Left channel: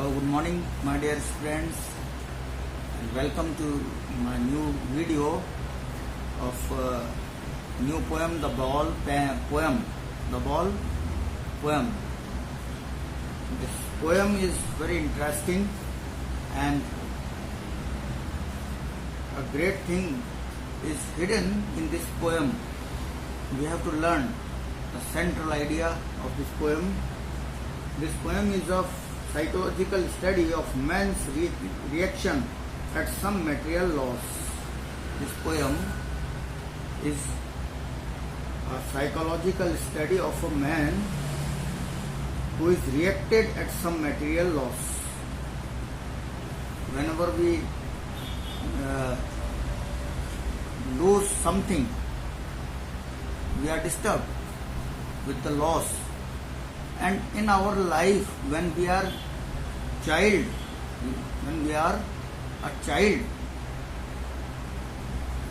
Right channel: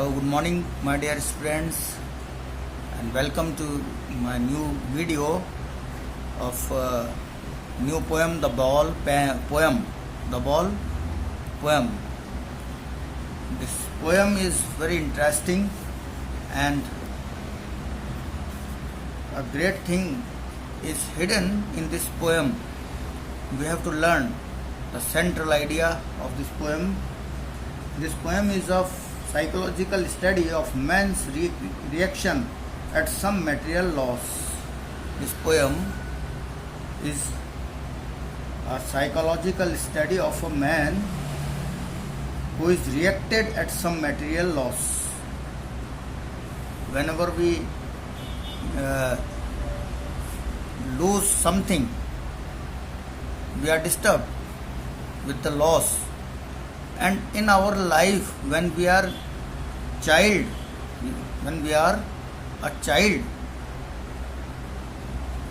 Good morning, my dear friends, and welcome to my new video of new poem, The Ball poem. This poem is very interesting, and a great thing is hidden in this poem. We have to learn the central idea of this poem. This poem is of psychological study of man's reaction at some material loss. This poem is a psychological study of a man who is reacted at some material loss. Whenever we lose something, we are disturbed with the loss. And in our life, when we are a child,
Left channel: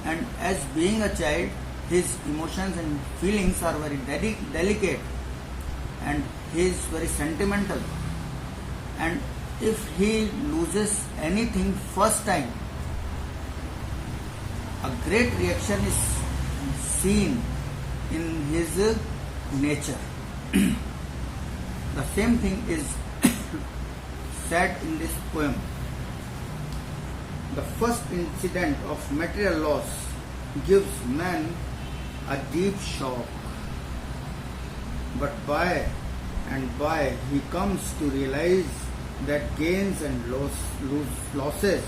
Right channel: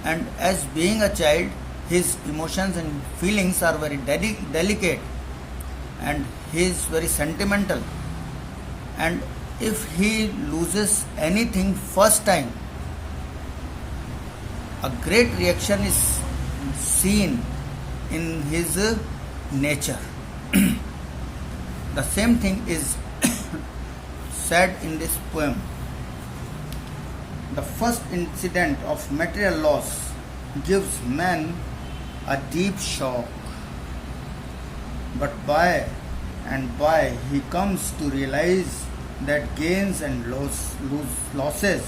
and as being a child, his emotions and feelings are very delicate, and he is very sentimental. And if he loses anything first time, a great reaction is seen in his nature. The same thing is said in this poem. The first incident of material loss gives man a deep shock, but by and by he comes to realize that gains and losses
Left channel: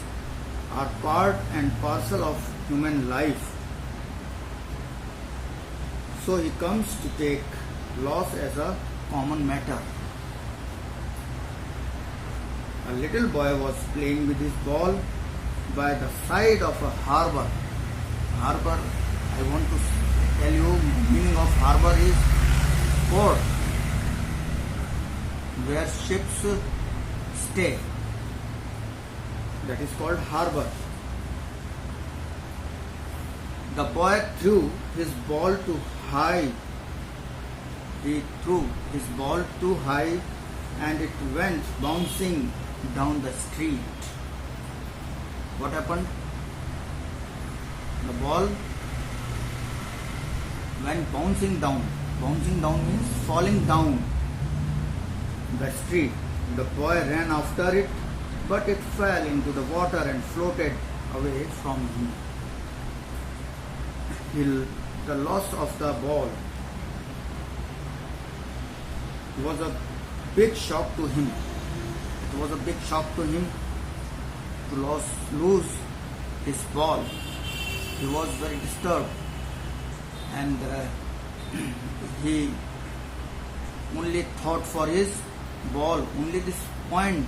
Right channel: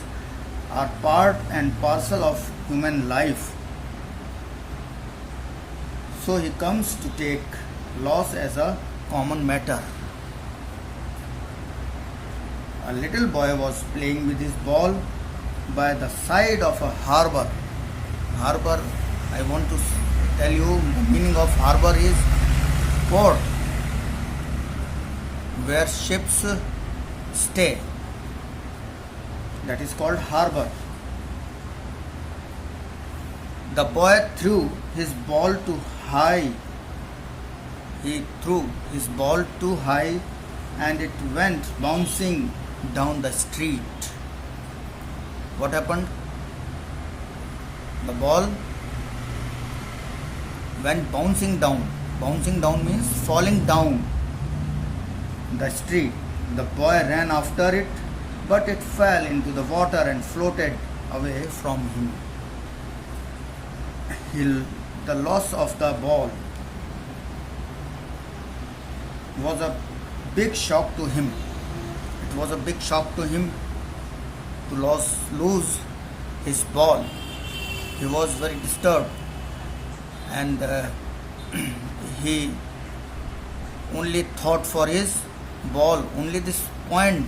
are part and parcel of human life. So he comes to take loss as a common matter. A little boy was playing with his ball by the side of a harbor. Harbor, I want to tell you, the meaning of harbor is port, where ships stay. That is called harbor. The boy threw his ball too high. He threw his ball too high and it went bouncing down the street. What happened? The ball went bouncing down. Bouncing down means falling down the street. The boy ran after it, but it fell into the water and floated away from him. The loss of the ball was a big shock to him. It was a big shock to him to lose his ball. He was very disturbed, and he only thought for his ball. Only this point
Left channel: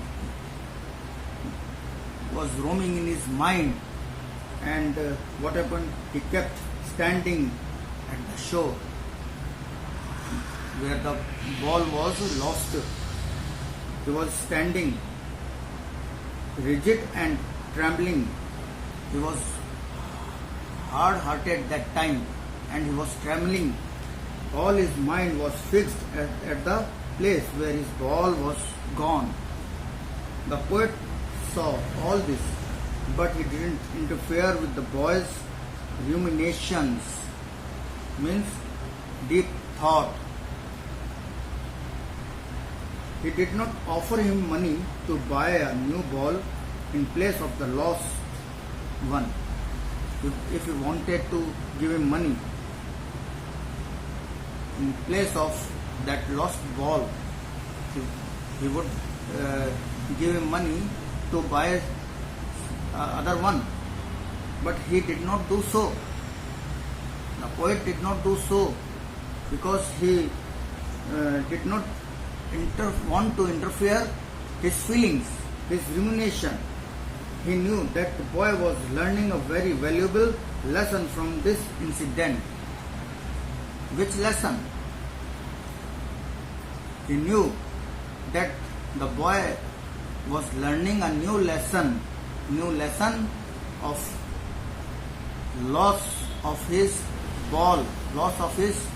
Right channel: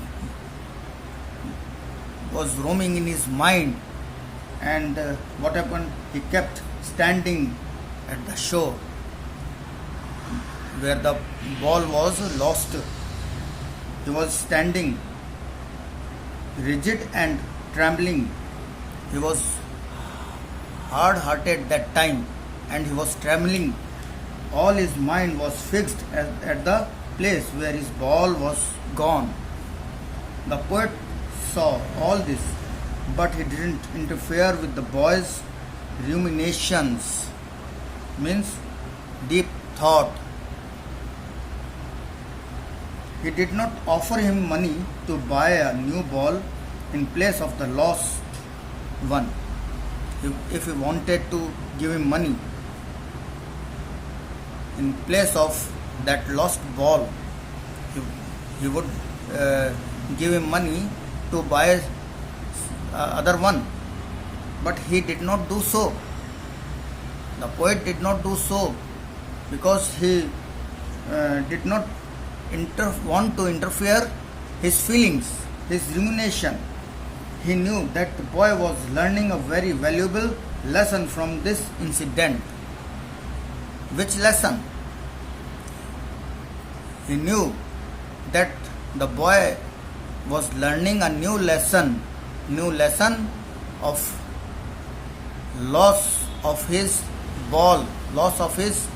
was roaming in his mind. And what happened? He kept standing at the shore where the ball was lost. He was standing rigid and trembling. He was hard-hearted that time, and he was trembling. All his mind was fixed at the place where his ball was gone. The poet saw all this, but he didn't interfere with the boy's ruminations, means deep thought. He did not offer him money to buy a new ball in place of the lost one. If he wanted to give him money in place of that lost ball, he would give him money to buy other one. But he did not do so. The poet did not do so because he did not want to interfere his feelings, his rumination. He knew that the boy was learning a very valuable lesson from this incident. Which lesson? He knew that the boy was learning a new lesson of loss of his ball, loss of his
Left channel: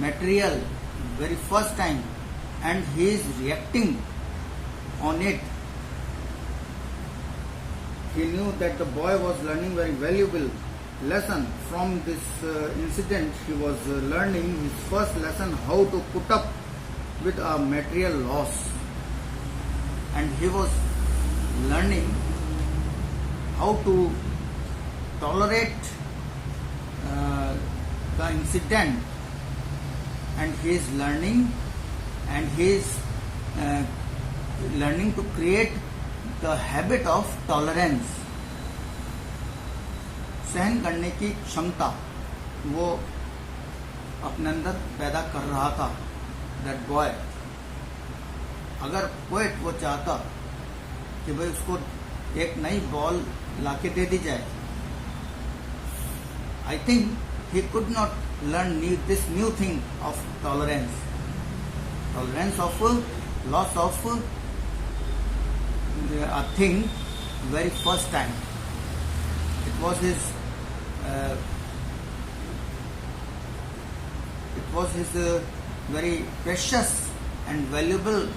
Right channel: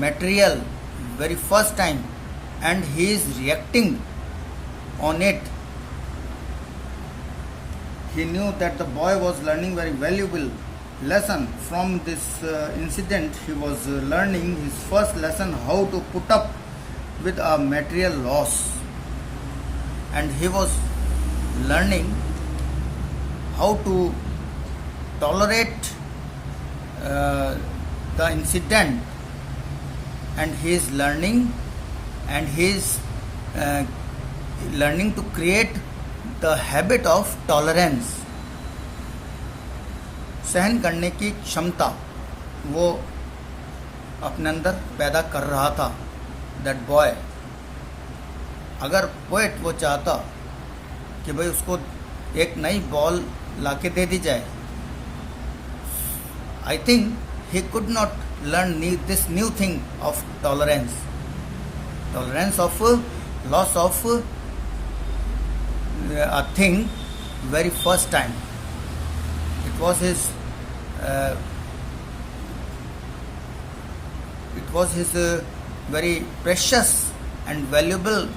material very first time, and he is reacting on it he knew that the boy was learning very valuable lesson from this incident. He was learning his first lesson how to put up with a material loss, and he was learning how to tolerate the incident, and he is learning learning to create the habit of tolerance. सहन करने की क्षमता वो अपने अंदर पैदा कर रहा था दैट बॉय. अगर पोएट वो चाहता कि भाई उसको एक नई बॉल लाके दे दी जाए, I think he could not learn this new thing of tolerance of loss of a thing very first time. It was his very precious and valuable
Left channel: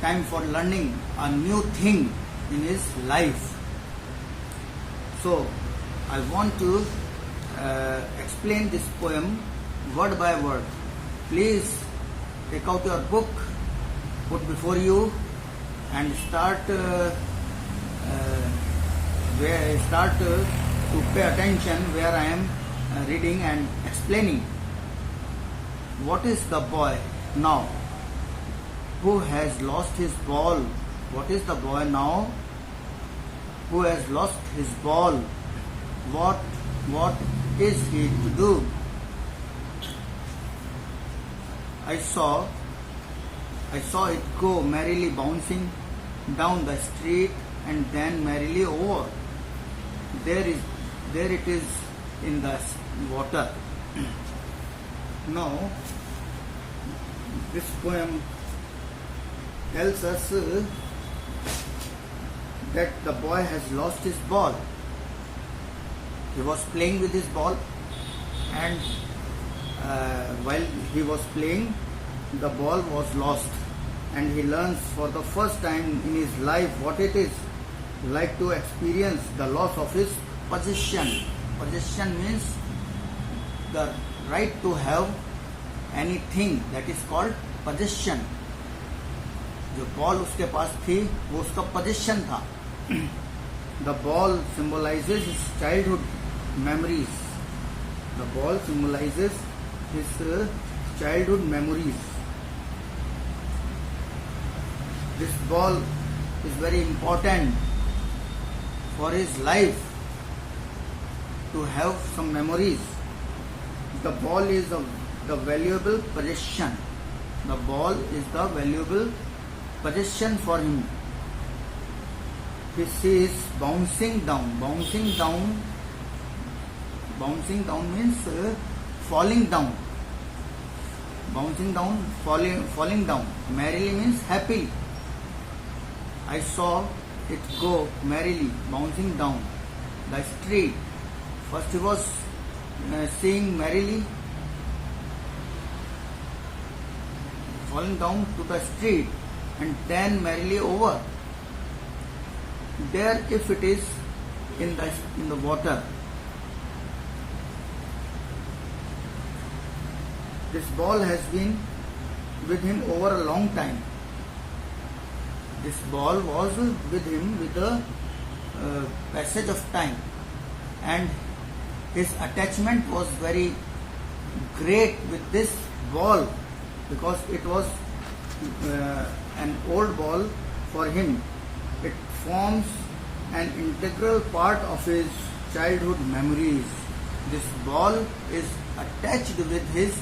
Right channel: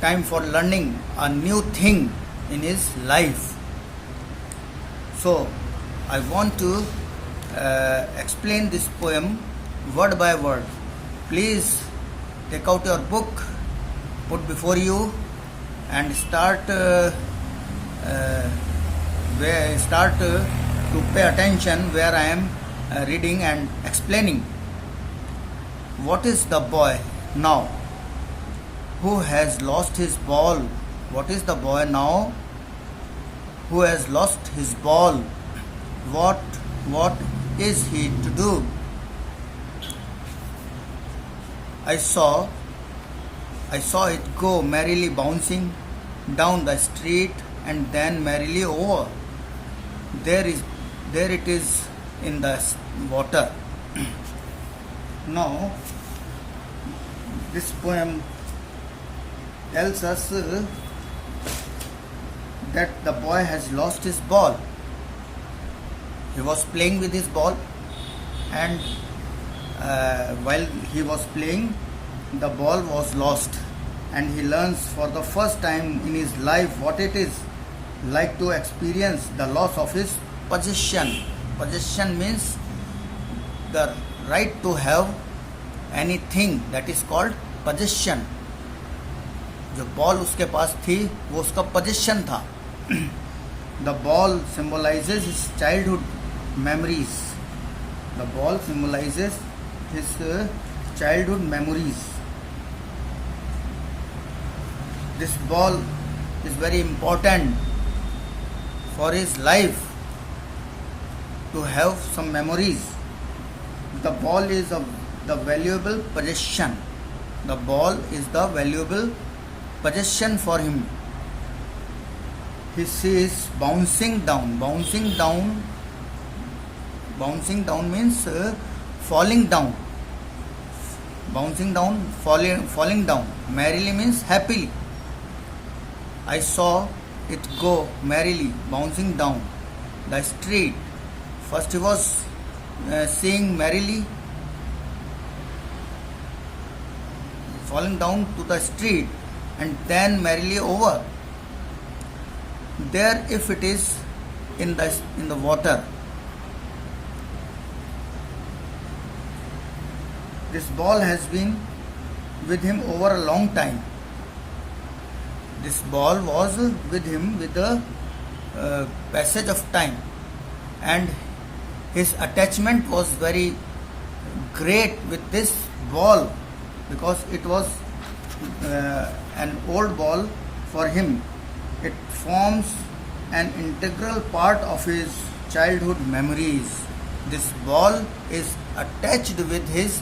time for learning a new thing in his life. So I want to explain this poem word by word. Please take out your book, put before you, and start to pay attention where I am reading and explaining. What is the boy now who has lost his ball? What is the boy now who has lost his ball? What is he to do? I saw it go merrily bouncing down the street and then merrily over. There it is in the water. Now, this poem tells us that the boy has lost his ball. He was playing with his ball, and while he was playing, the ball was lost, and he learns for the first time in his life what it is like to experience the loss of his possession. Possession means the right to have anything, that is called possession. जो ball उसके पास थी वो उसका possession था. The ball symbolizes his childhood memories. The ball symbolizes his childhood memories. This ball is very important for his life to have some memories. The ball is the valuable possession. The ball is the valuable possession for him. He sees bouncing down. Bouncing down means falling down. Bouncing down, falling down. Merrily means happily. I saw it go merrily, bouncing down the street. First he was seeing merrily, falling down to the street, and then merrily over. There, if it is in the water, this ball has been with him over a long time. This ball was with him with the passage of time, and his attachment was very great with this ball because it was an old ball for him. It forms an integral part of his childhood memories. This ball is attached with his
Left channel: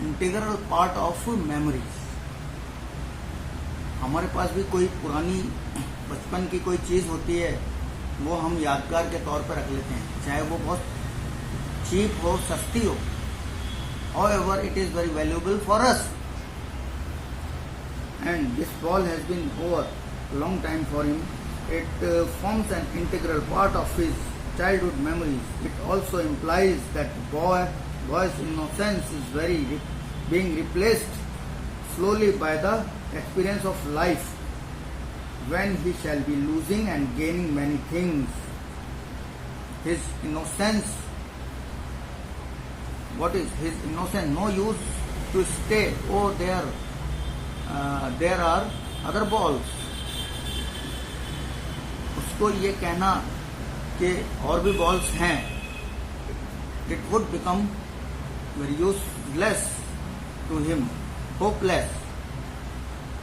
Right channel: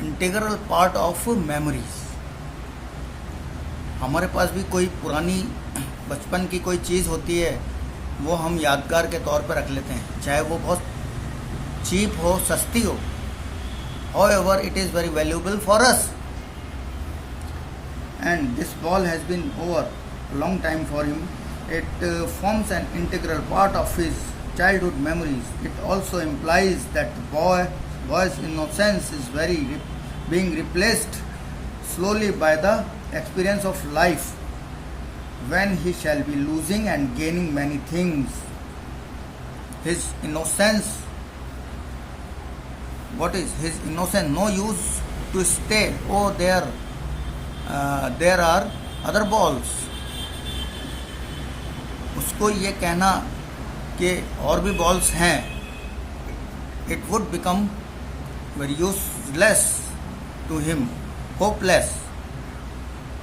integral part of memories. हमारे पास भी कोई पुरानी बचपन की कोई चीज़ होती है, वो हम यादगार के तौर पर रख लेते हैं, चाहे वो बहुत चीप हो, सस्ती हो. However, it is very valuable for us. And this ball has been over a long time for him. It forms an integral part of his childhood memories. It also implies that the boy's innocence is being replaced slowly by the experience of life. when he shall be losing and gaining many things. His innocence, what is his innocence? No use to stay. Oh, there are other balls. उसको ये कहना कि और भी balls हैं, it would become very useless to him, hopeless,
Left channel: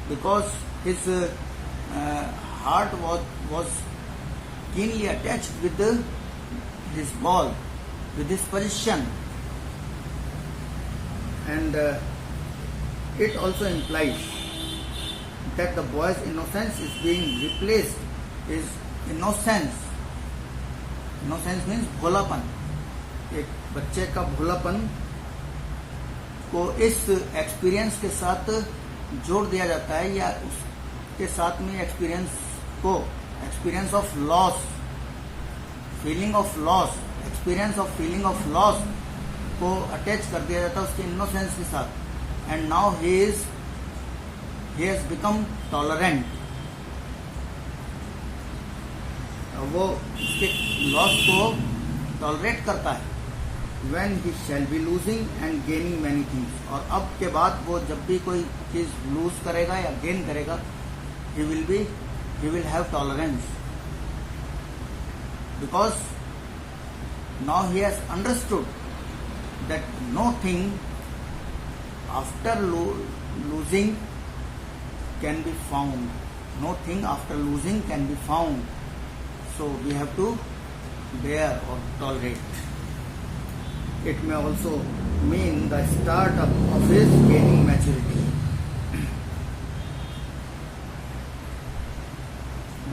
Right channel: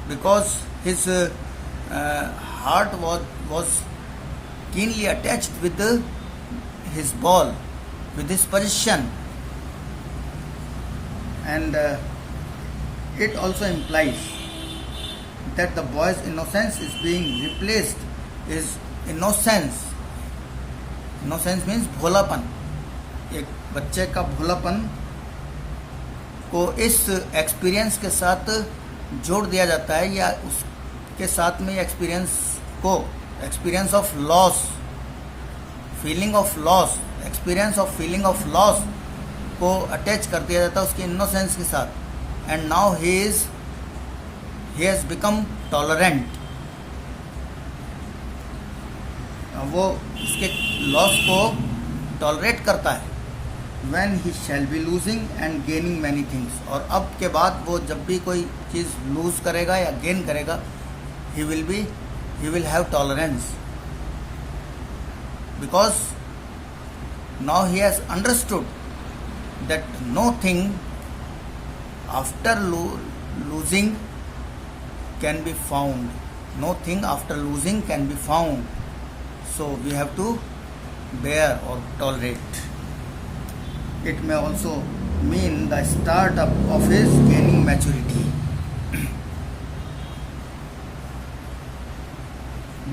because his heart was keenly attached with his ball, with his position, and it also implies that the boy's innocence is being replaced. His innocence means भोलापन. एक बच्चे का भोलापन को इस experience के साथ जोड़ दिया जाता है, या उसके साथ में experience of loss, feeling of loss, experience of feeling of loss को अटैच कर दिया जाता है उसके इनोसेंस के साथ. And now he has become tolerant. वो उसके लॉस को टॉलरेट करता है. when he shall be losing and gaining many things. और अब के बाद वो जब भी कोई चीज़ लूज करेगा या गेन करेगा, he will have tolerance, because now he has understood that no thing after losing can be found. No thing after losing can be found. So we have to bear or tolerate. It may also mean the start of his gaining maturity.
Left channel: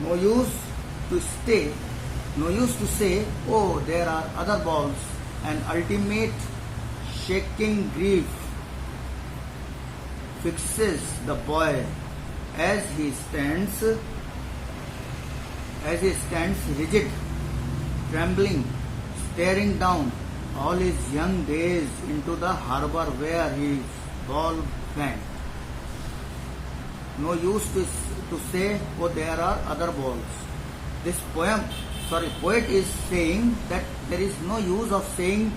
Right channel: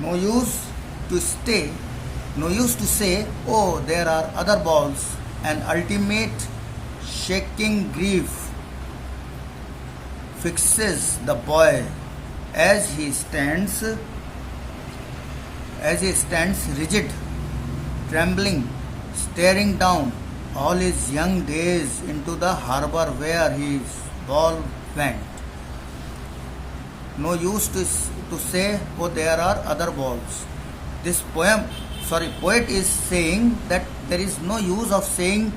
No use to say, oh, there are other balls. An ultimate shaking grief fixes the boy as he stands rigid, trembling, staring down all his young days into the harbor where his ball went. No use to say, oh, there are other balls. This poet is saying that there is no use of saying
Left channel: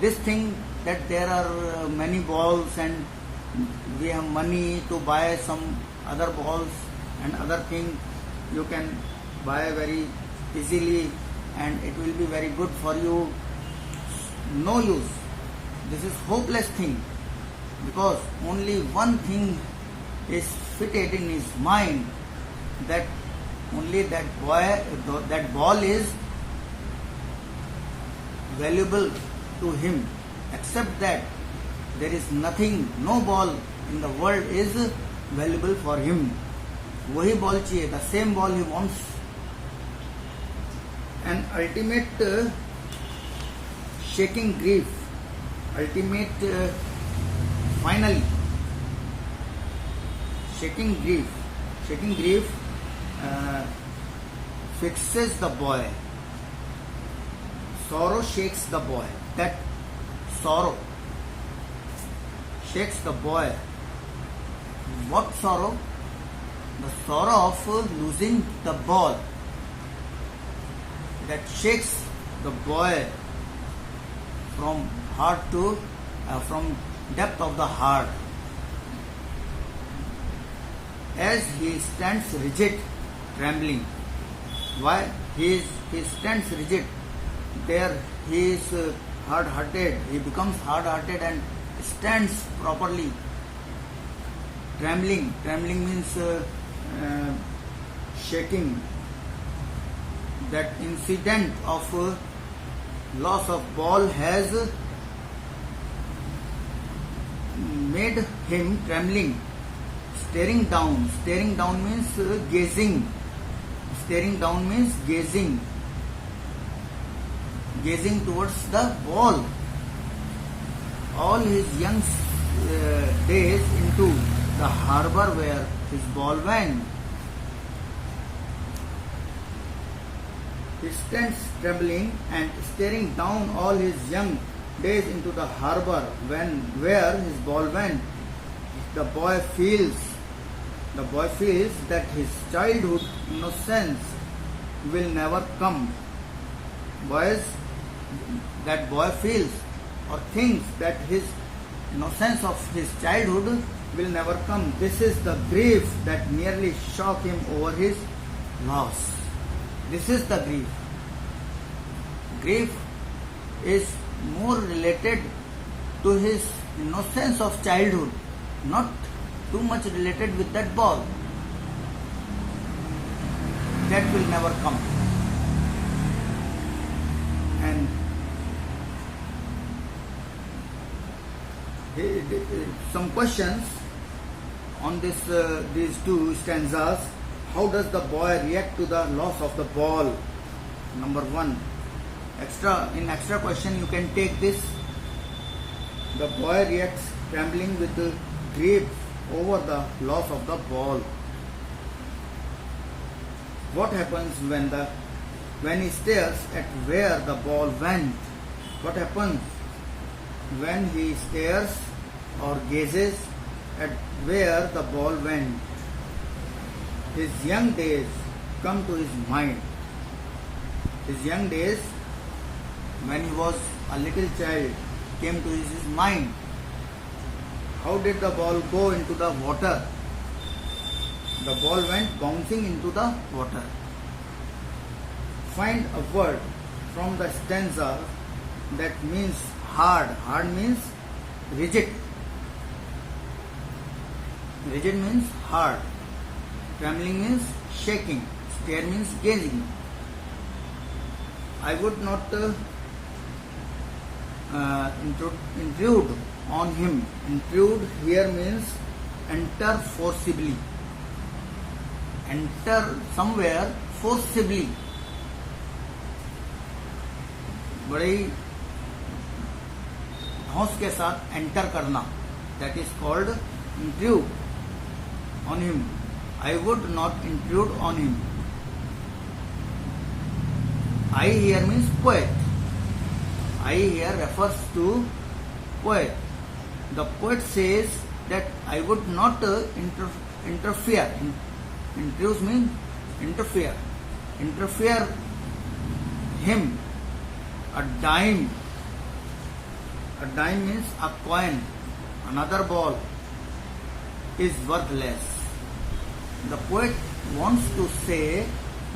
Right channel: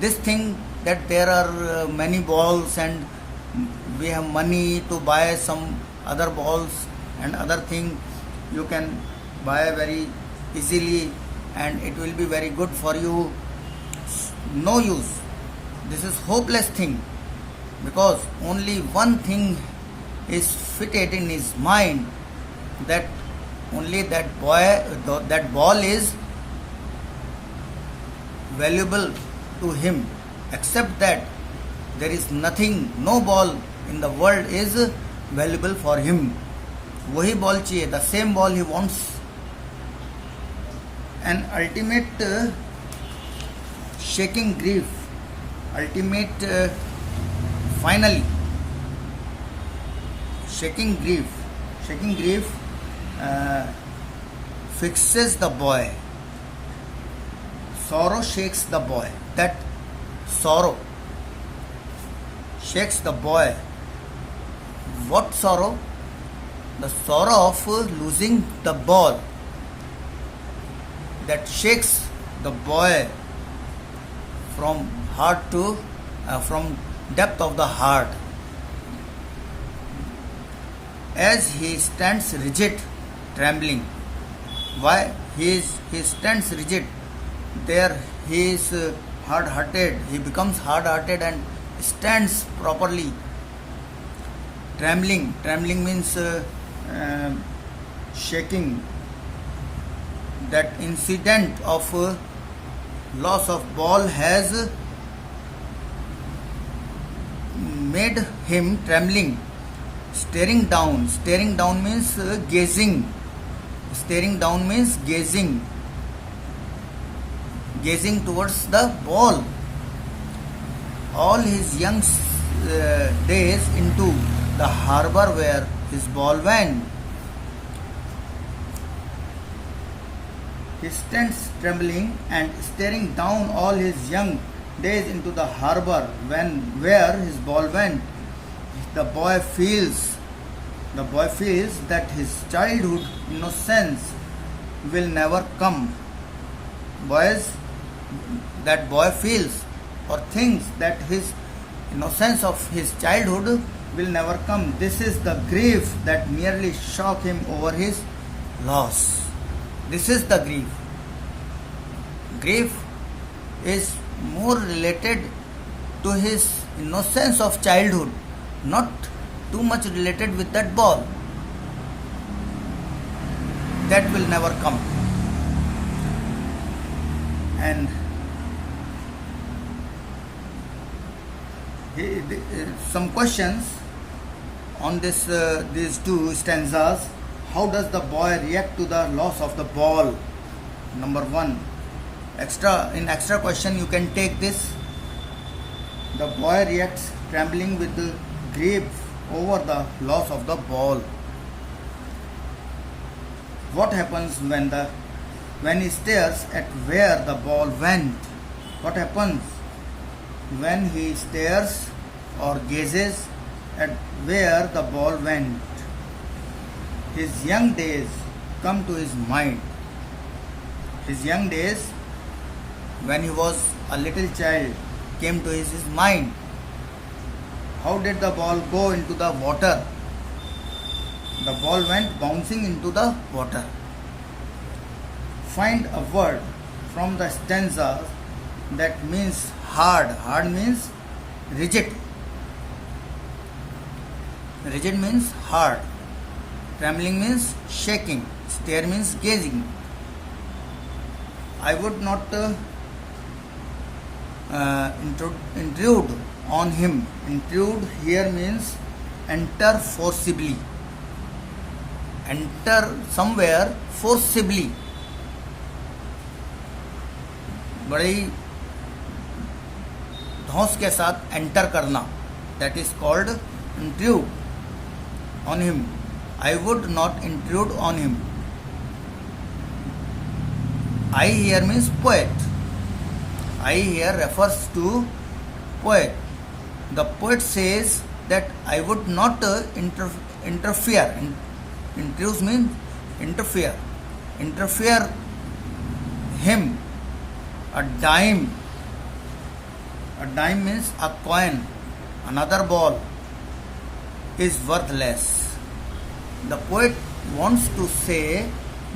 this thing, that there are many balls and we have money to buy some other balls and other thing you can buy very easily and it will be very good for you. No use. This is hopeless thing, because only one thing is fitted in his mind, that only that ball is valuable to him. Except that, there is nothing, no ball in the world is valuable for him. वही ball चाहिए, the same ball he wants. An ultimate shaking grief, finally, shaking grief fixes the boy. Sorrow shakes the boy. That sorrow shakes the boy. What sorrow? The sorrow of losing the ball. That shakes the boy from heart to from depth of the heart. As he stands rigid, trembling. Why he stands rigid? There he is hard-hearted. He becomes hard-hearted and stands properly. Trembling means shaking. That incident of loss of ball has made him trembling. Staring down means gazing. Staring down means gazing towards the ball. All his young days into the harbor where his ball went. He stands trembling and staring down all his young days into the harbor where his ball went. The boy feels The boy feels that his childhood innocence will never come. That boy feels or thinks that his innocence of his childhood will never come. This is the grief that merely shock him over his loss. This is the grief. Grief is more related to his innocence of childhood, not too much related with that ball. That will never come. And some questions on these two stanzas. How does the boy react to the loss of the ball? Number one, extra question you can take this. The boy reacts trembling with the grief over the loss of the ball. What happens when he stares at where the ball went? What happens when he stares or gazes at where the ball went? His young days come to his mind. His young days, when he was a little child, came to his mind. How did the ball go into the water? The ball went bouncing into the water. Find a word from the stanza that means hard. Hard means rigid. Rigid means hard. Trembling means shaking. Stare means gazing. I would not intrude on him. Intrude here means enter forcibly. Enter somewhere forcibly. बड़ी धौंस के साथ enter करना. That is called intrude on him. I would not intrude on him. I here means poet. I here refers to poet. The poet says that I would not interfere. Intrude means interfere. Interfere him. A dime. A dime means a coin. Another ball is worthless. The poet wants to say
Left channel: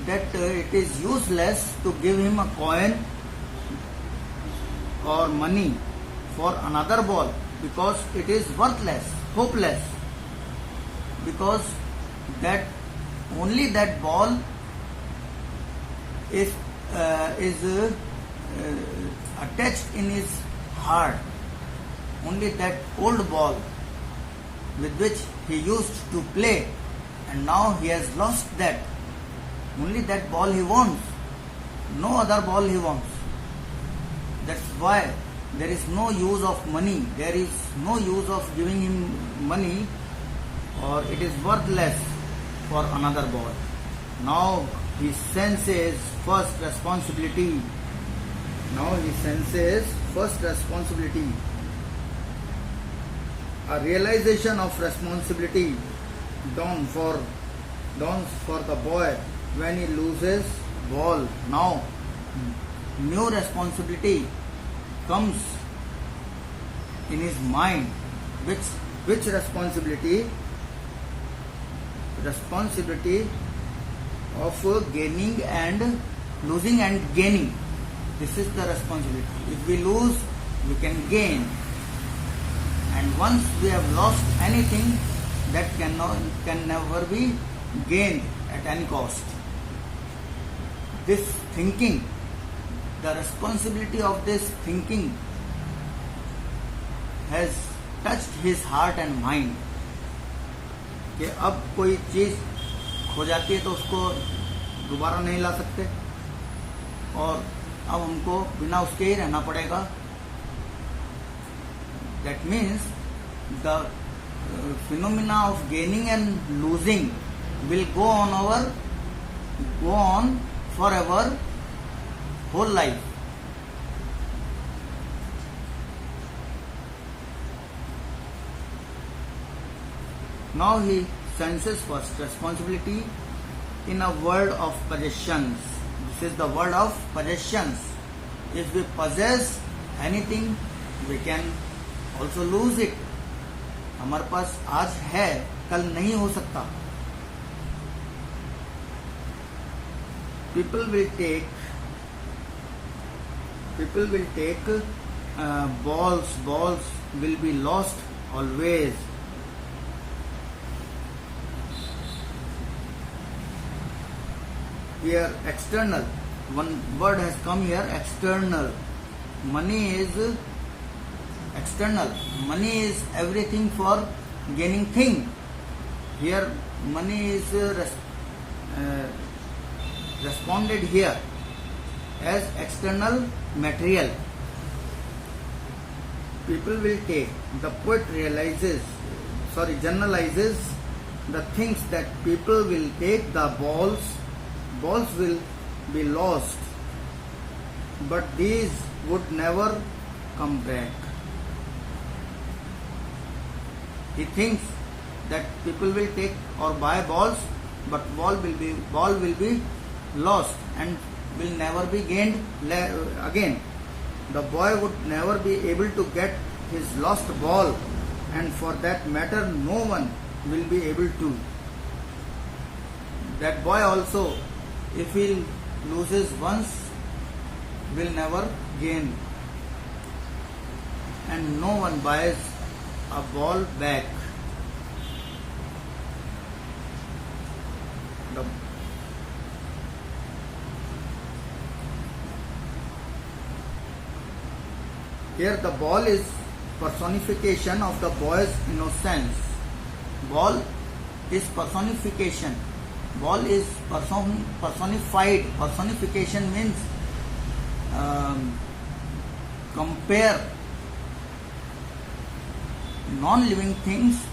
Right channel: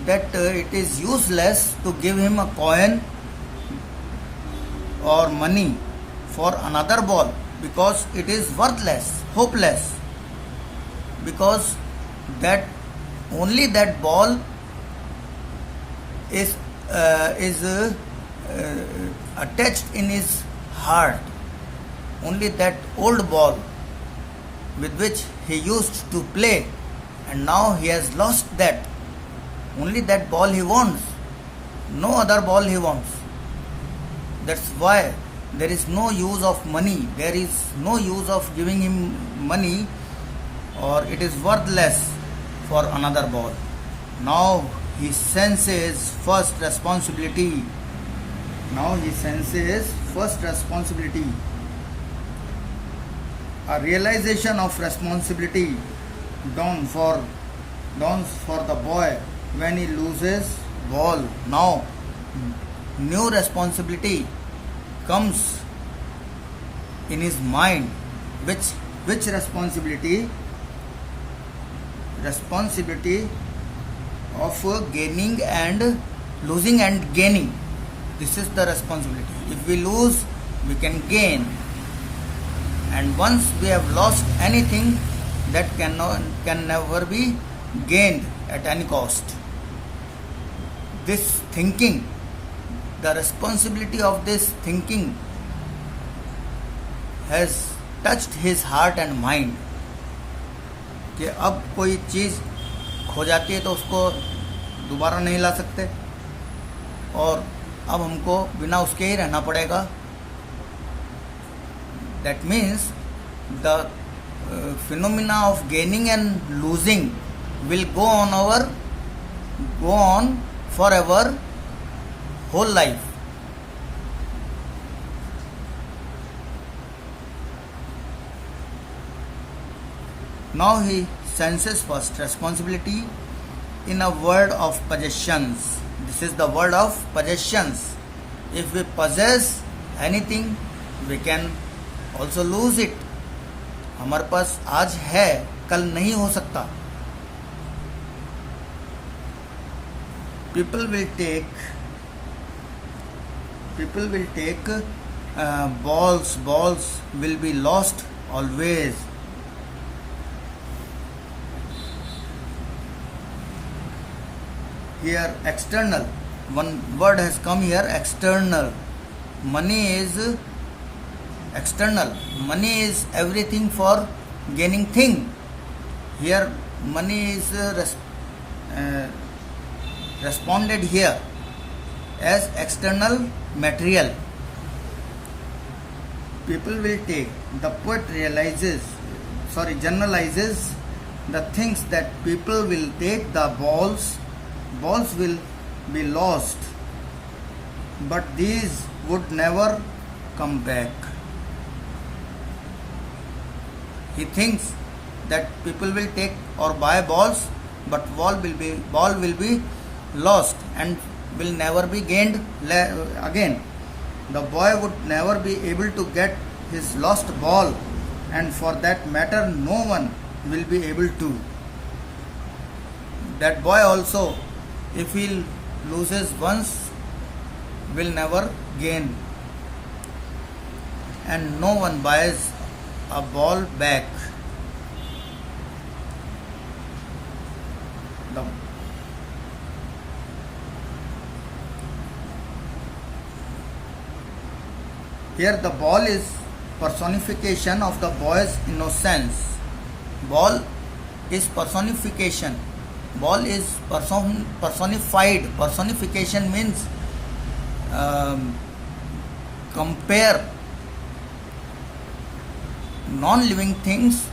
that it is useless to give him a coin or money for another ball because it is worthless, hopeless. Because that only that ball is attached in his heart. Only that old ball with which he used to play, and now he has lost that. Only that ball he wants. No other ball he wants. That's why there is no use of money. There is no use of giving him money, or it is worthless for another ball. Now he senses first responsibility. Now he senses first responsibility. A realization of responsibility dawns for the boy when he loses ball. Now new responsibility comes in his mind. Which responsibility? Responsibility of gaining and losing and gaining. This is the responsibility. If we lose, we can gain. And once we have lost anything, that can never be gained at any cost. This thinking, the responsibility of this thinking has touched his heart and mind. कि अब कोई चीज़ खो जाती है तो उसको दोबारा नहीं ला सकते, और अब हमको बिना उसके ही रहना पड़ेगा. That means the phenomena of gaining and losing will go on forever, whole life. Now he senses first responsibility in a world of possessions. This is the world of possessions. If we possess anything, we can also lose it. हमारे पास आज है, कल नहीं हो सकता. People will take balls will be lost always. Here external, one word has come here, external. Money is external. Money is everything for gaining thing. Here money is responded here as external material. People will take, the poet generalizes the things that people will take the balls will be lost, but these would never come back. He thinks that people will take or buy balls, but ball will be lost and will never be gained again. The boy would never be able to get his lost ball, and for that matter no one will be able to. That boy also, if he loses once, will never gain, and no one buys a ball back. Here the ball is personification of the boy's innocence. Ball is personification. Ball is personified. Personification means compare non-living things.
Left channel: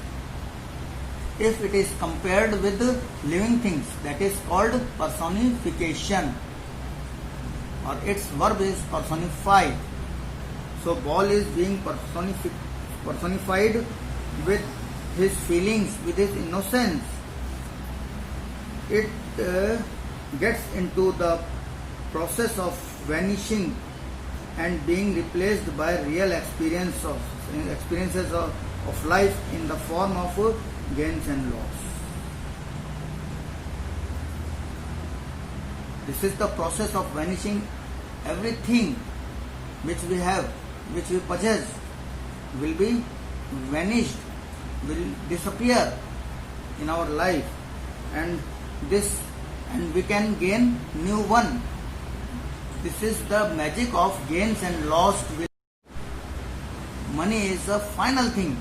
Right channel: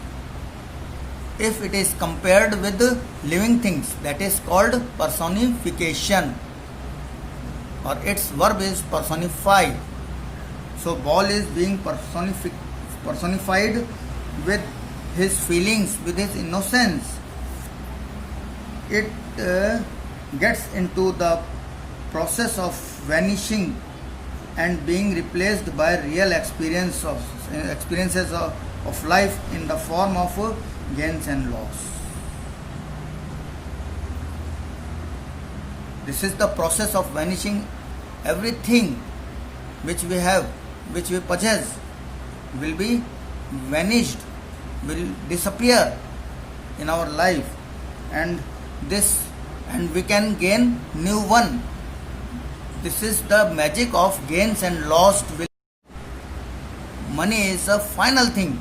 If it is compared with living things, that is called personification, or its verb is personify. So ball is being personified with his feelings, with his innocence. It gets into the process of vanishing and being replaced by real experiences of life in the form of gains and loss. This is the process of vanishing. Everything which we have, which we possess, will be vanished, will disappear in our life, and we can gain new one. This is the magic of gains and lost. Money is a final thing,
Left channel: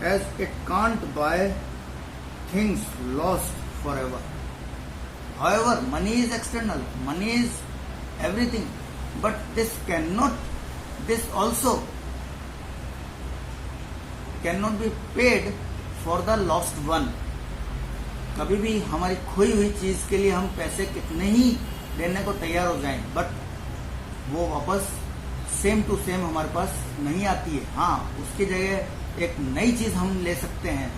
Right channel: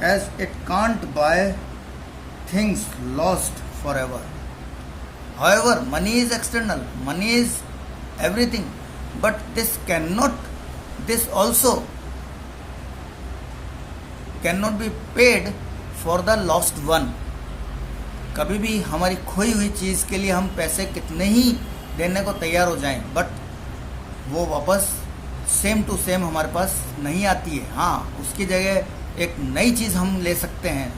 as it can't buy things lost forever. However, money is external, money is everything, but this also cannot be paid for the lost one. कभी भी हमारी खोई हुई चीज़ के लिए हम पैसे कितने ही देने को तैयार हो जाएं, बट वो वापस सेम टू सेम हमारे पास नहीं आती है. हाँ, उसकी जगह एक नई चीज़ हम ले सकते हैं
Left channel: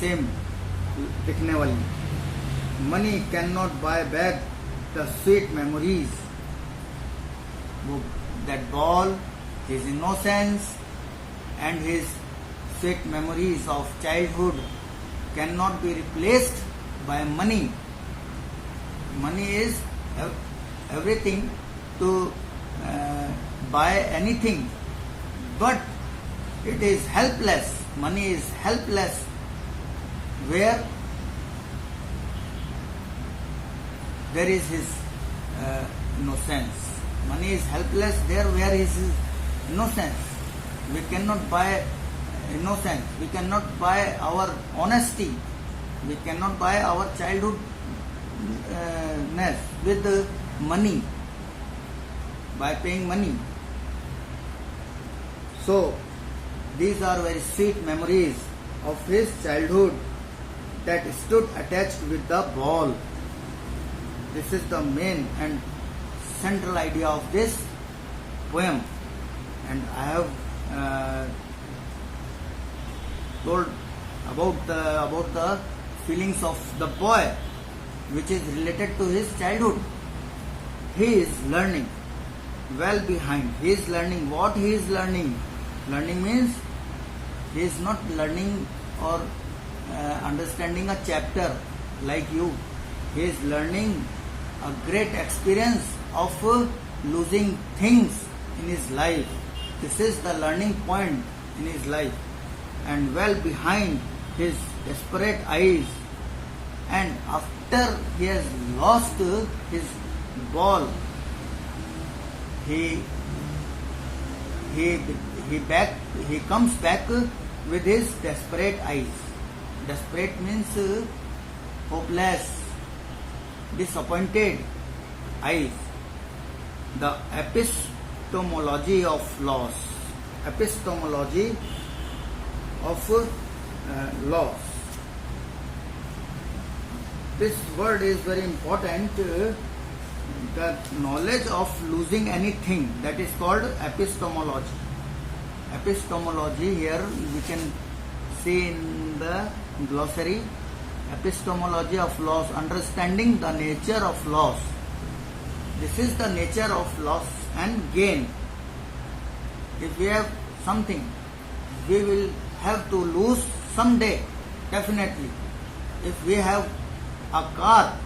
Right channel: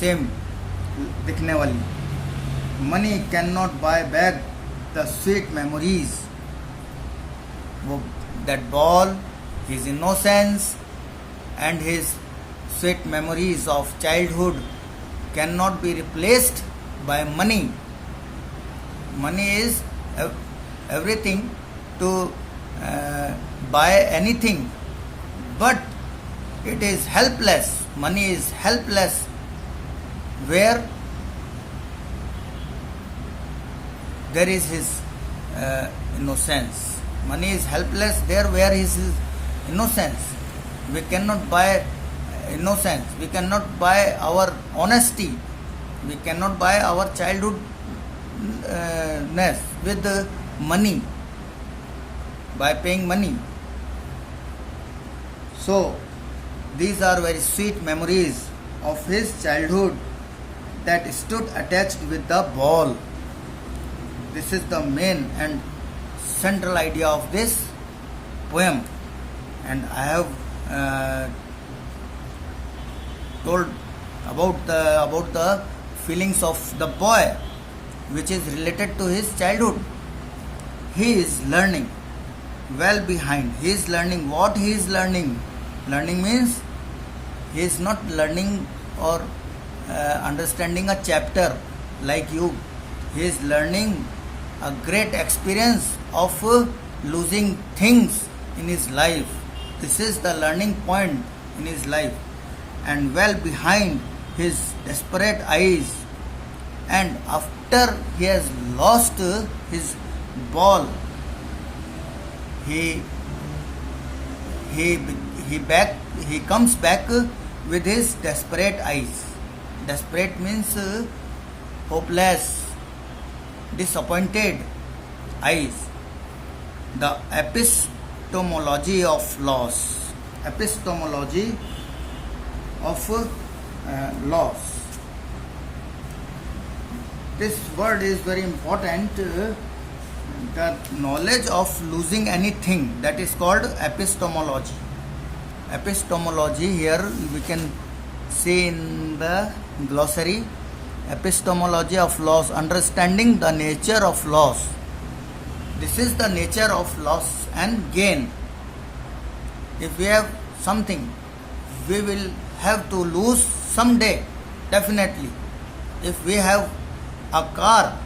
सेम दिखने वाली. Money can not buy back the sweet memories. That ball, his innocence and his sweet memories of childhood cannot be replaced by money. Money is everything to buy anything, but it is helpless. Money is helpless where there is his innocence. Money is helpless there where is his innocence. We cannot buy innocence. We cannot buy our honesty. We cannot buy our childhoodness with money, by paying money. So these are very sweet memories of his childhood that stood attached with the ball. This is the main and central idea of this poem, and I have told about the feelings of the boy, which is related to his childhood. He is learning well behind. He is learning what he is learning. Learning means he is not learning or understanding a chapter like you. He is learning a great experience of losing things in his life. This is the learning point in his life. And well behind his desperate eyes, and after he has lost his ball, he comes back with his desperate eyes. Desperate means hopeless, disappointed eyes. The epistemology of loss. Epistemology of loss. This word is very important. The knowledge of losing anything, that is called epistemology. Epistemology, here we can see in the glossary, epistemology of loss, understanding the nature of loss. This is the nature of loss and gain. If we have something, we will have to lose someday, definitely. If we have a car,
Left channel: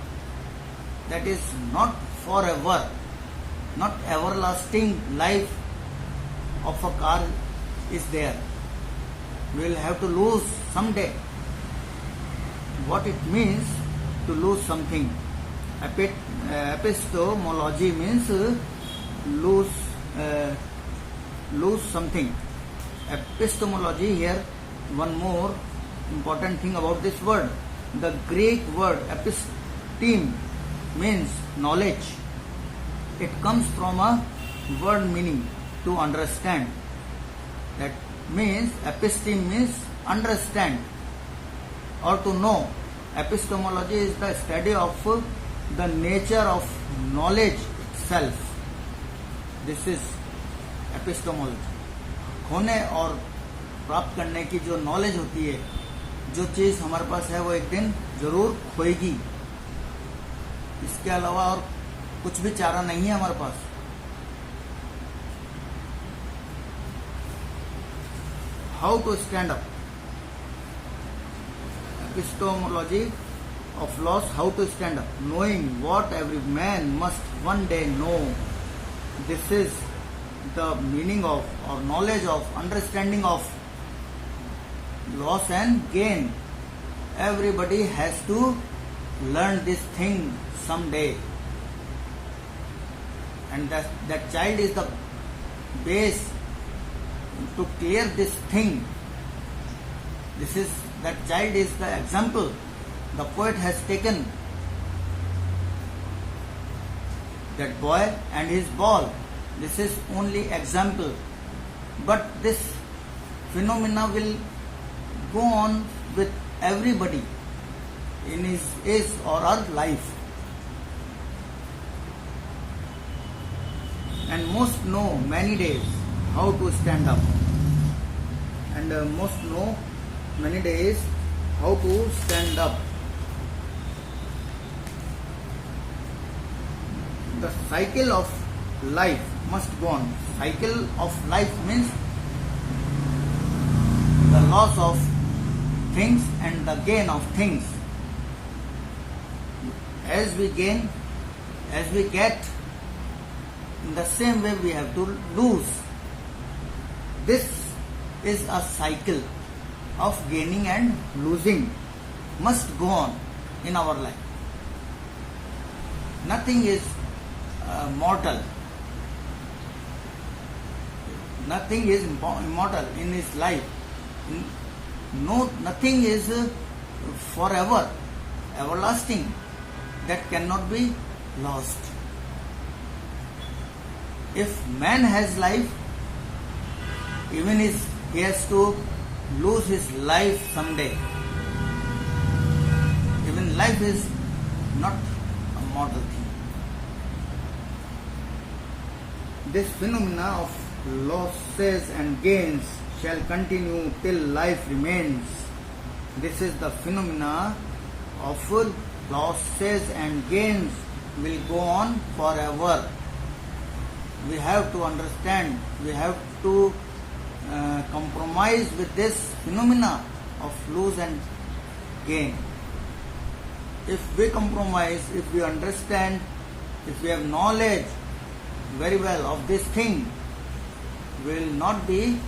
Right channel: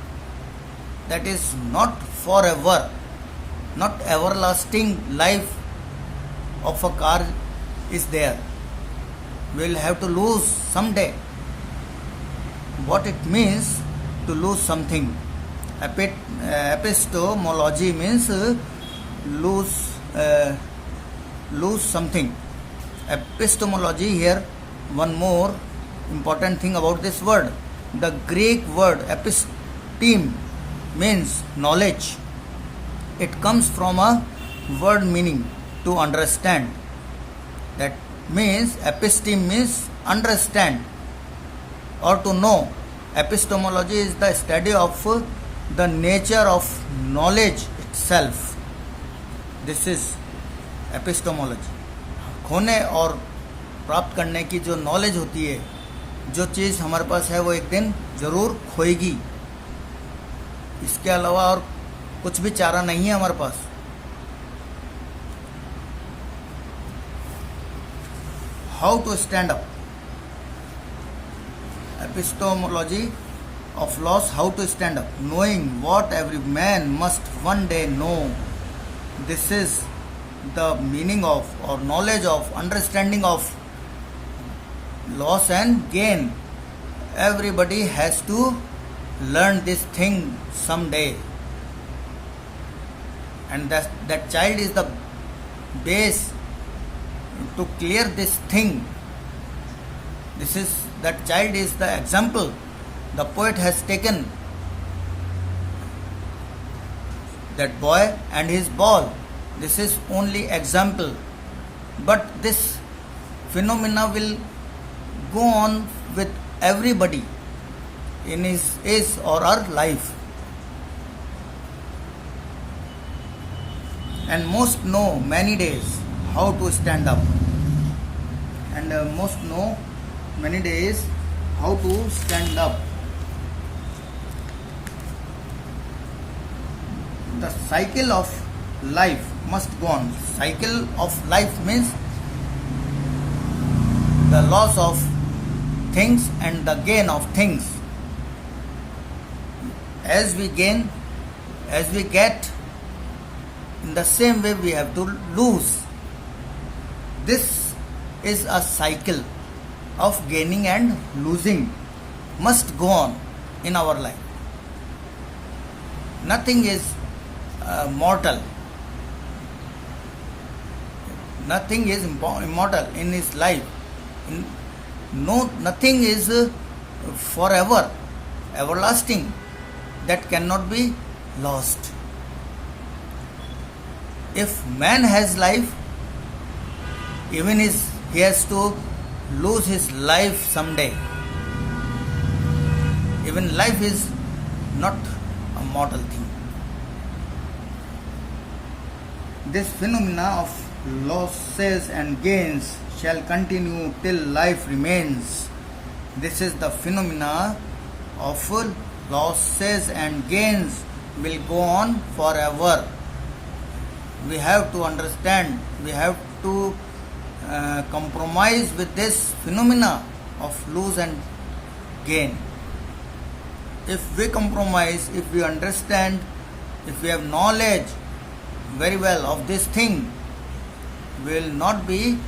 that is not forever, not everlasting life of a car is there. We will have to lose someday. What it means to lose something. Epistemology means lose something. Epistemology, here one more important thing about this word. The Greek word episteme means knowledge. It comes from a word meaning to understand. That means episteme means understand or to know. Epistemology is the study of the nature of knowledge itself. This is epistemology. खोने और प्राप्त करने की जो knowledge होती है, जो चीज़ हमारे पास है वो एक दिन ज़रूर खोएगी. इसके अलावा और कुछ भी चारा नहीं है हमारे पास. How to stand up. Epistemology of loss, how to stand up. Knowing what every man must one day know. This is the meaning of or knowledge of, understanding of loss and gain. Everybody has to learn this thing someday. And that child is the base to clear this thing. That child is the example the poet has taken. That boy and his ball. This is only example. But this phenomena will go on with everybody in his or her life. And most know many days how to stand up. And most know many days how to stand up. The cycle of life must go on. Cycle of life means the loss of things and the gain of things. As we gain, as we get, in the same way we have to lose. This is a cycle of gaining and losing, must go on in our life. Nothing is mortal. Nothing is immortal in his life. Nothing is forever, everlasting, that cannot be lost. If man has life, even he has to lose his life someday. Even life is not a mortal thing. This phenomena of losses and gains shall continue till life remains. This is the phenomena of losses and gains will go on forever. We have to understand, we have to compromise with this phenomena of lose and gain. If we compromise, if we understand, if we have knowledge very well of this thing, we will not be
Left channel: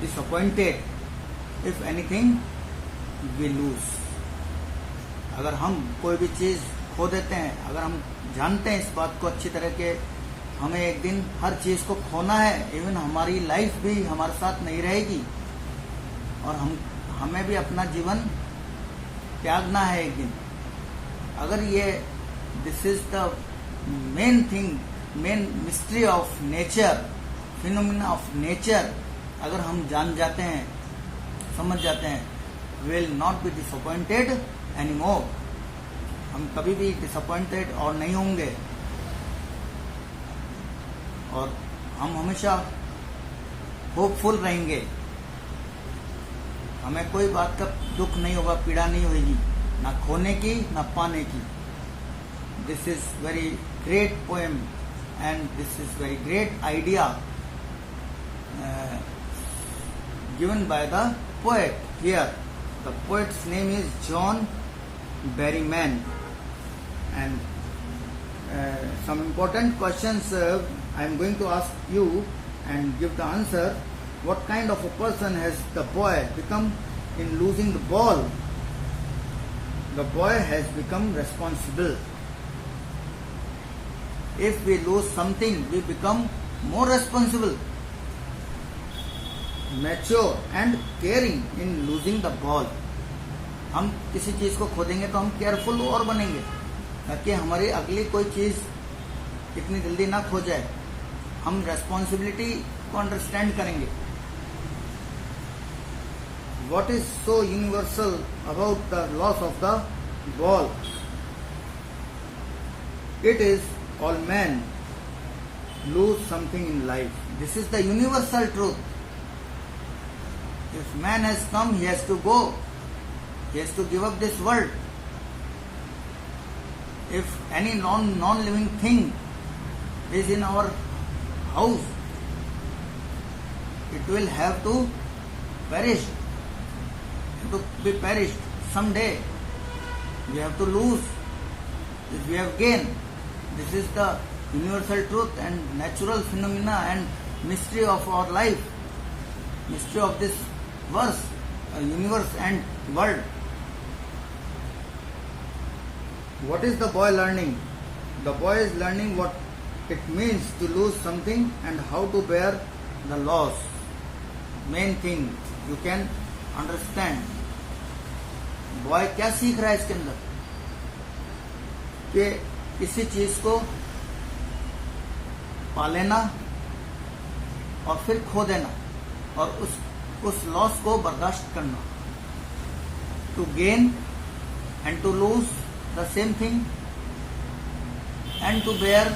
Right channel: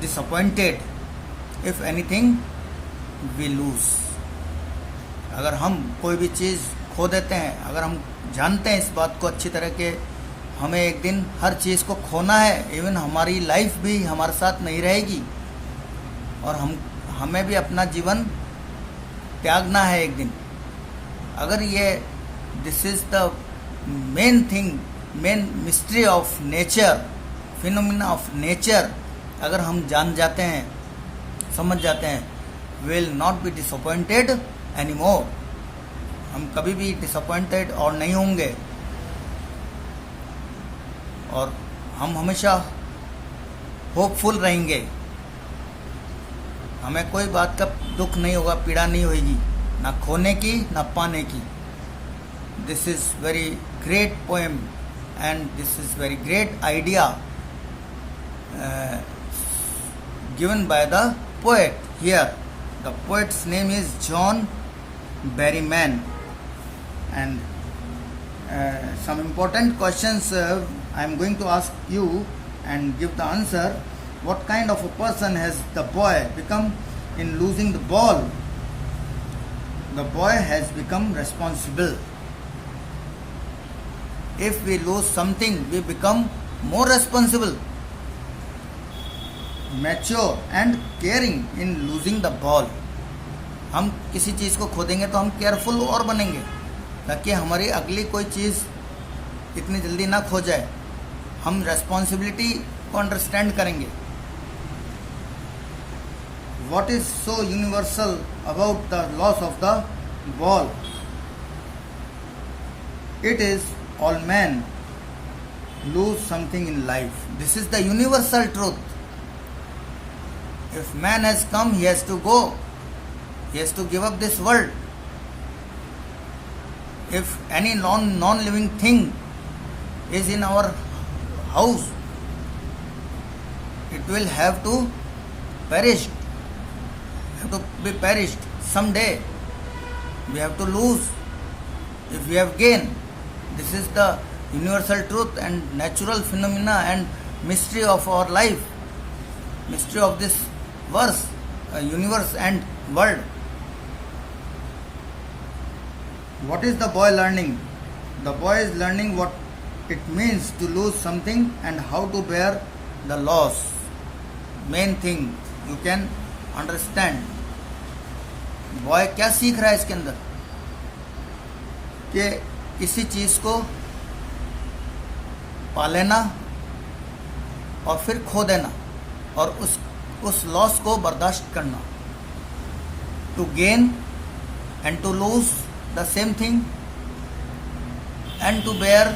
disappointed if anything we lose. अगर हम कोई भी चीज़ खो देते हैं, अगर हम जानते हैं इस बात को अच्छी तरह के हमें एक दिन हर चीज़ को खोना है, इवन हमारी लाइफ भी हमारे साथ नहीं रहेगी और हमें भी अपना जीवन त्यागना है एक दिन. अगर ये this is the main thing, main mystery of nature, phenomena of nature, अगर हम जान जाते हैं, समझ जाते हैं, will not be disappointed any more. हम कभी भी डिसअपॉइंटेड और नहीं होंगे और हम हमेशा होपफुल रहेंगे. हमें कोई बात का दुख नहीं होगा, पीड़ा नहीं होगी, ना खोने की ना पाने की. This is very great poem and this is very great idea given by the poet here. The poet's name is John Berryman, and some important questions I am going to ask you and give the answer. What kind of a person has the boy become in losing the ball? The boy has become responsible. If we lose something, we become more responsible, mature and caring in losing the ball. हम किसी चीज़ को खो देंगे तो हम careful और बनेंगे ताकि हमारी अगली कोई चीज़ इतनी जल्दी ना खो जाए. हम रेस्पॉन्सिबिलिटी को अंडरस्टैंड करेंगे. What is so universal about the loss of the ball? It is all men lose something in life. This is the universal truth. If man has come, he has to go. He has to give up this world. If any non-living thing is in our house, it will have to perish. Have to be perished someday. We have to lose. If we have gained, this is the universal truth and natural phenomena and mystery of our life, mystery of this verse, universe and world. What is the boy learning? The boy is learning what it means to lose something and how to bear the loss. Main thing you can understand. Boy क्या सीख रहा है इसके अंदर कि किसी चीज को पा लेना और फिर खो देना और उस लॉस को बर्दाश्त करना. To gain and to lose the same thing and to bear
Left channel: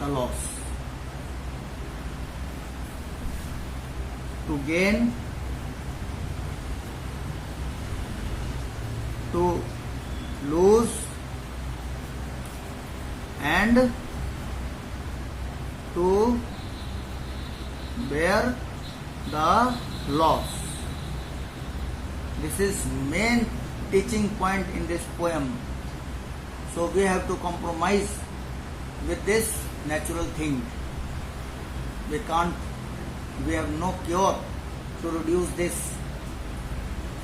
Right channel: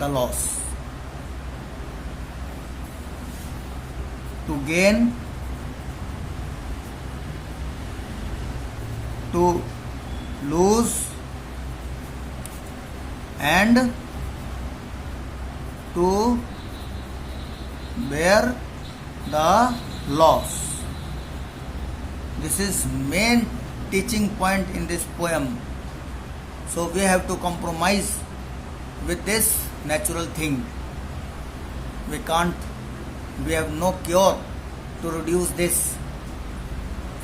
the loss. To gain, to lose and to bear the loss. This is main teaching point in this poem. So we have to compromise with this natural thing. We have no cure to reduce this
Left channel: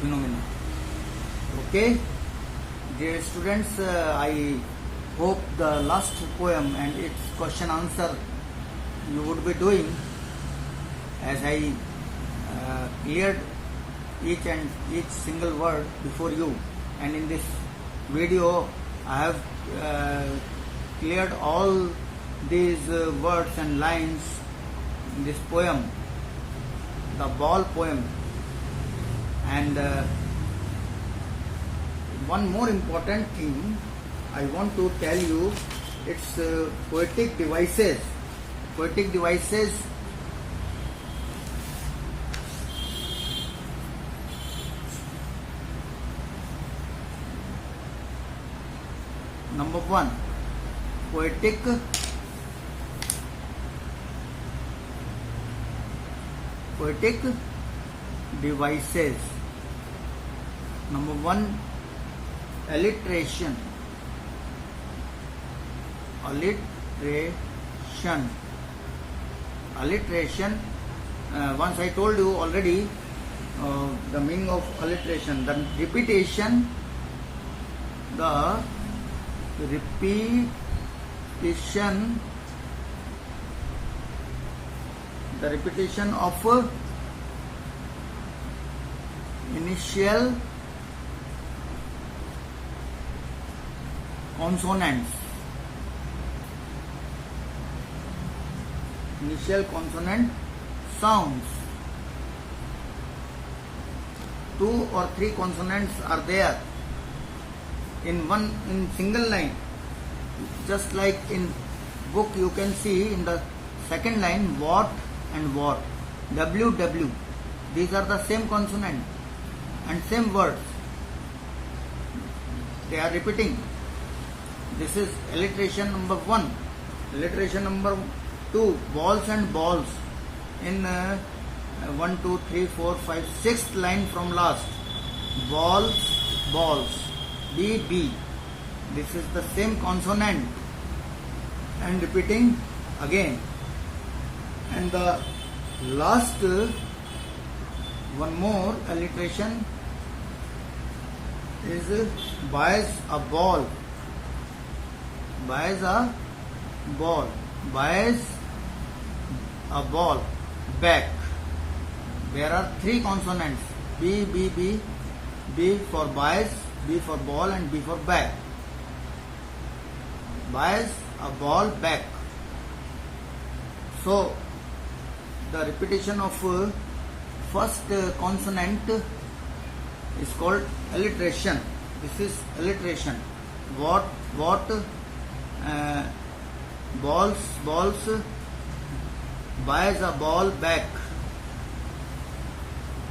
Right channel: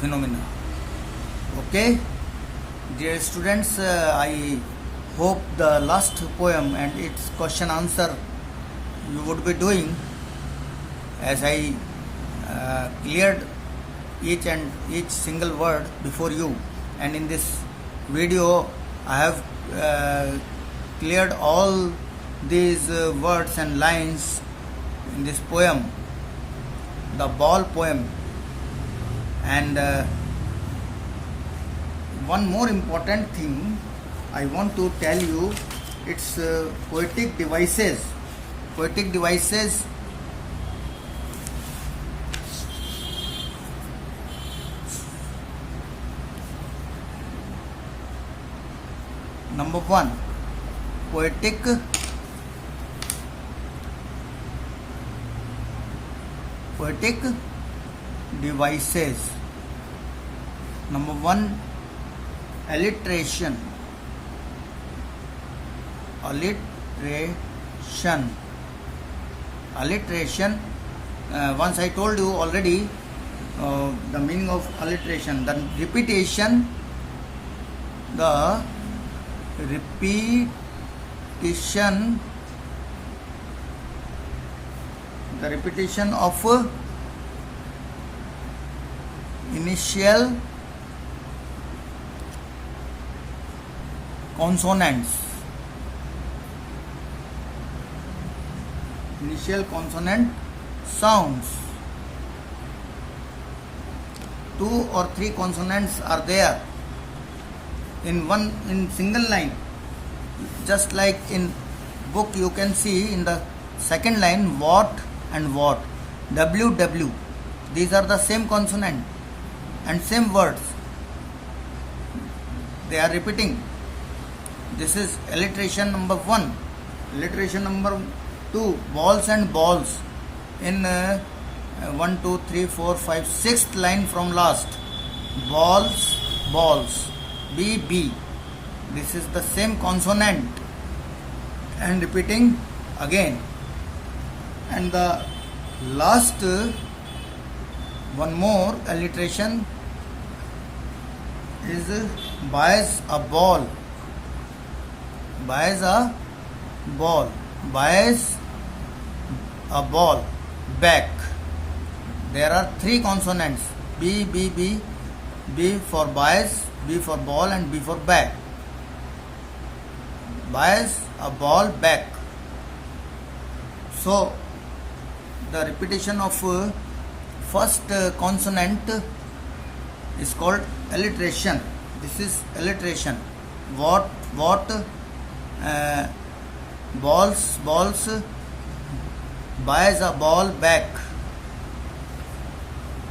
phenomena. Okay, dear students, I hope the last poem and its question answer you would be doing, as I cleared each single word before you, and in this video I have cleared all these words and lines in this poem, the ball poem. And one more important thing I want to tell you, it's poetic devices. Poetic devices Number one, poetic devices. Number one, alliteration. Alliteration. Once I told you already the meaning of alliteration. The repetition. The repetition of initial consonants. Initial consonant sounds. 2 or 3 consonants are there in single line. Just like in book you can see in the second line what and what, WW. These are the same consonant and same words. They are repeating. This is alliteration number 1. Alliteration number 2, balls and balls. In 1, 2, 3, 4, 5, 6th line from last. Balls, balls. B. This is the same consonant and repeating again. And the last one more alliteration is buys a ball. Buys a ball. Buys a ball. Back. There are 3 consonants. B. B for buys, B for ball and B for back. Buys a ball back. So the repetition of first consonant is called alliteration. This is alliteration. What, balls, buys a ball back.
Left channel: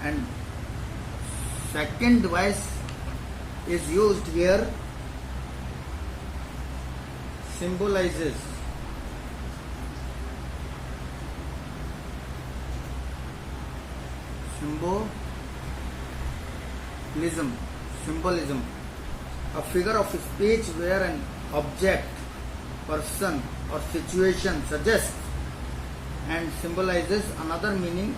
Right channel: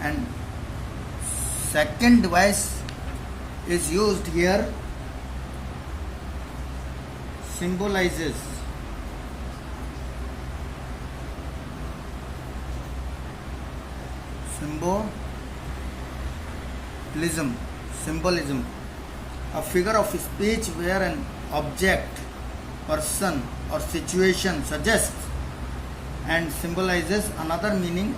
And second device is used here, symbolizes. Symbolism. A figure of speech where an object, person or situation suggests and symbolizes another meaning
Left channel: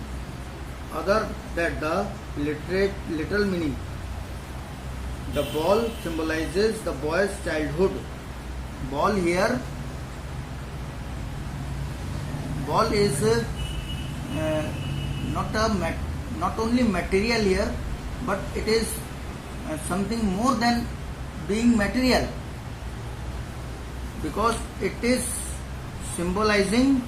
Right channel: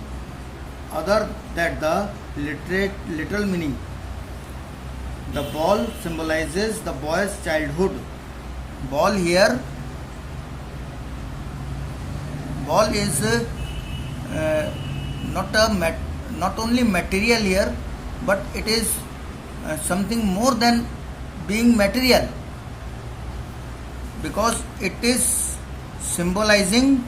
other than the literal meaning. The ball symbolizes the boy's childhood. Ball here, ball is not only material here, but it is something more than being material, because it is symbolizing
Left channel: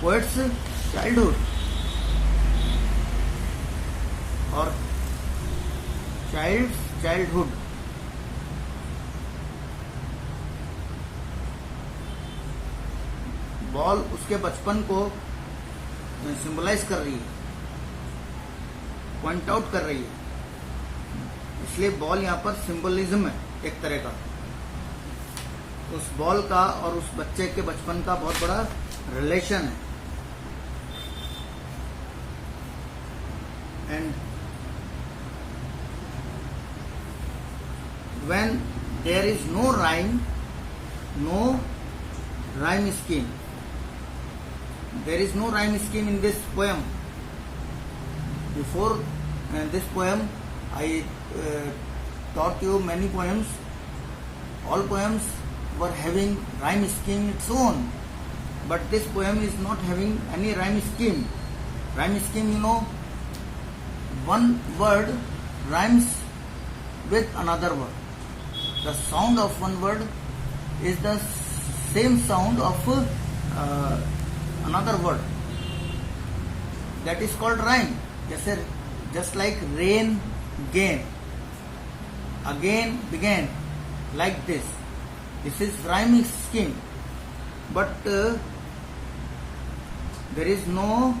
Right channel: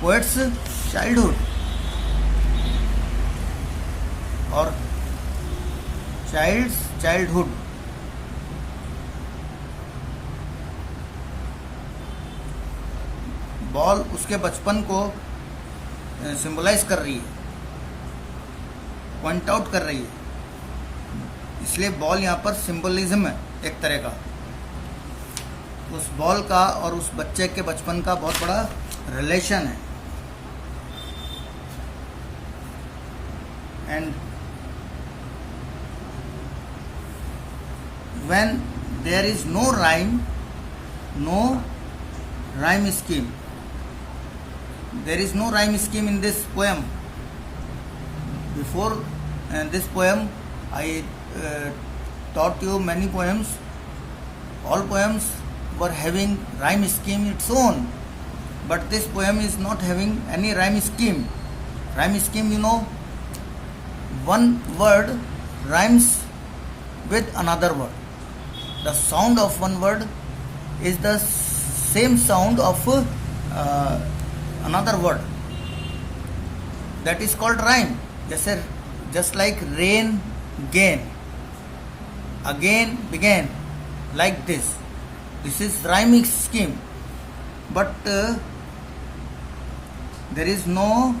poet's childhood or child's childhood. Ball उसके बचपन को symbolize कर रही है, point out कर रही है, इसलिए बॉल यहाँ पर सिंबलिज्म है एक तरह का। उस बॉल का और उस बच्चे के बचपन का बहुत बड़ा रिलेशन है। And when there is no rhyme scheme, there is no rhyme scheme in this poem. Before this poem I taught you many poems. All poems were having rhyme scheme its own, but this poem is not having any rhyme scheme. Rhyme scheme, you know, one word rhymes with another word. The sound of one word is the same sound of another word. That is called rhyme. Just like rain, gain, again, began, like this. This is rhyming scheme. But there is no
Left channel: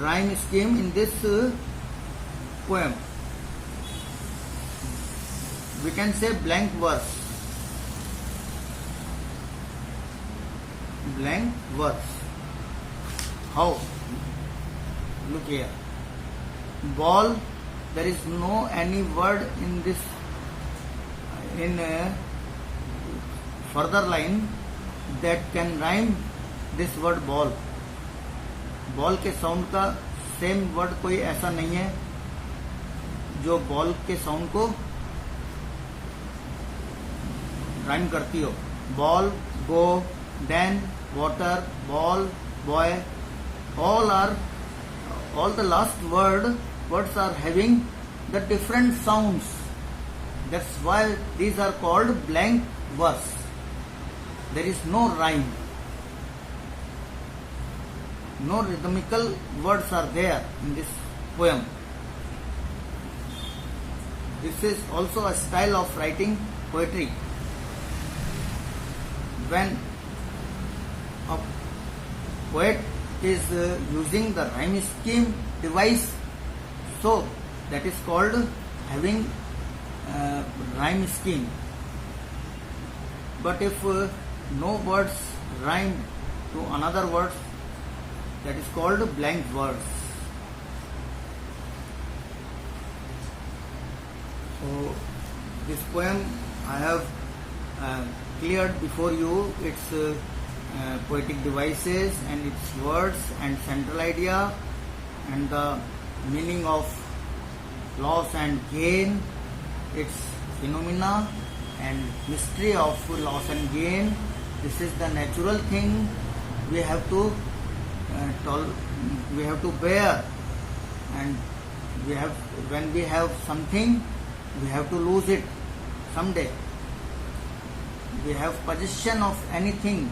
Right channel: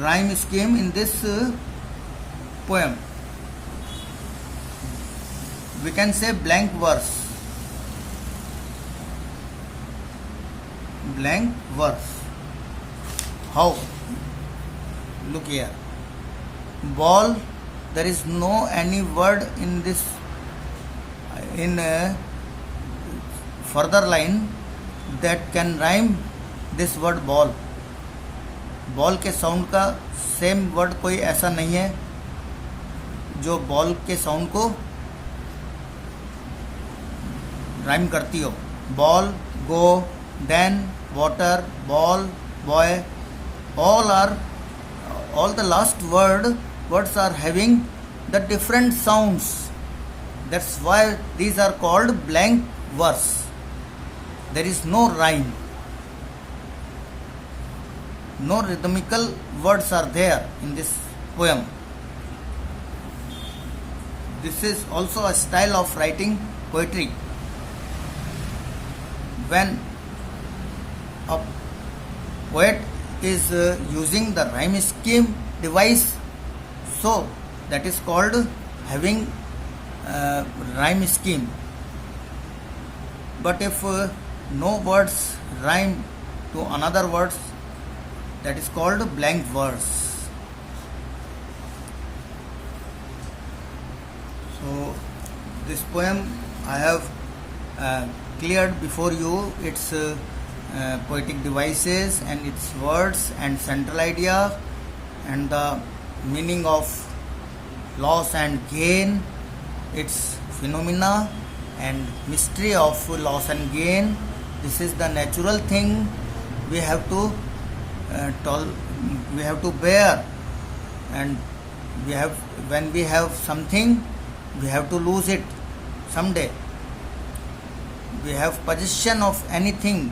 rhyme scheme in this poem. We can say blank verse. Blank verse. How? Look here. Ball. There is no any word in this in a further line that can rhyme this word ball. Ball के sound का same word कोई ऐसा नहीं है जो ball के sound को rhyme करती हो. Ball, go, then, water, ball, boy, all the last words are having the different sounds. That's why these are called blank verse. There is no rhyme. No rhythmical words are there in this poem. This is also a style of writing poetry. When a poet is using the rhyme scheme device, so that is called having rhyme scheme. But if no words rhyme to another words, that is called blank verse. So this poem I have cleared before you its poetic devices and its words and central idea and the meaning of loss and gain, its phenomena and mystery of loss and gain. This is the natural thing we have to bear, and when we have something, we have to lose it someday. We have possession of anything,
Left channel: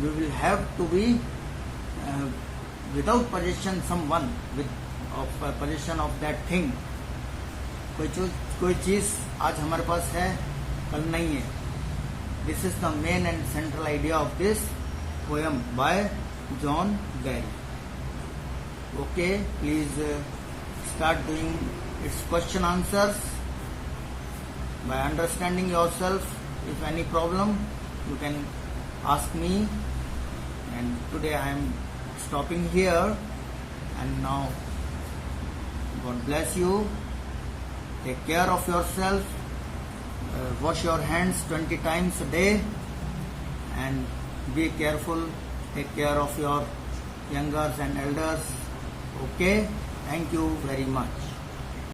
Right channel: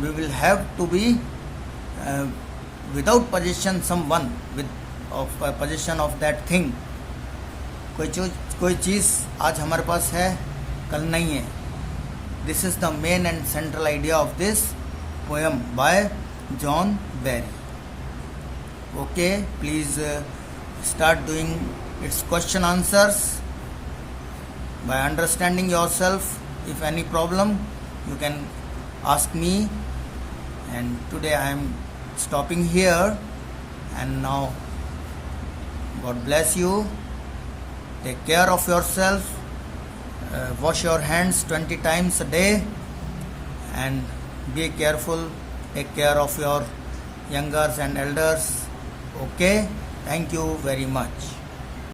we will have to be without possession someone of possession of that thing. कोई चीज़ आज हमारे पास है, कल नहीं है. This is the main and central idea of this poem by John Barry. Okay, please start doing its question answers. By understanding yourself, if any problem, you can ask me. And today I am stopping here. And now, God bless you. Take care of yourself. Wash your hands 20 times a day. And be careful. Take care of your youngers and elders. Okay? Thank you very much.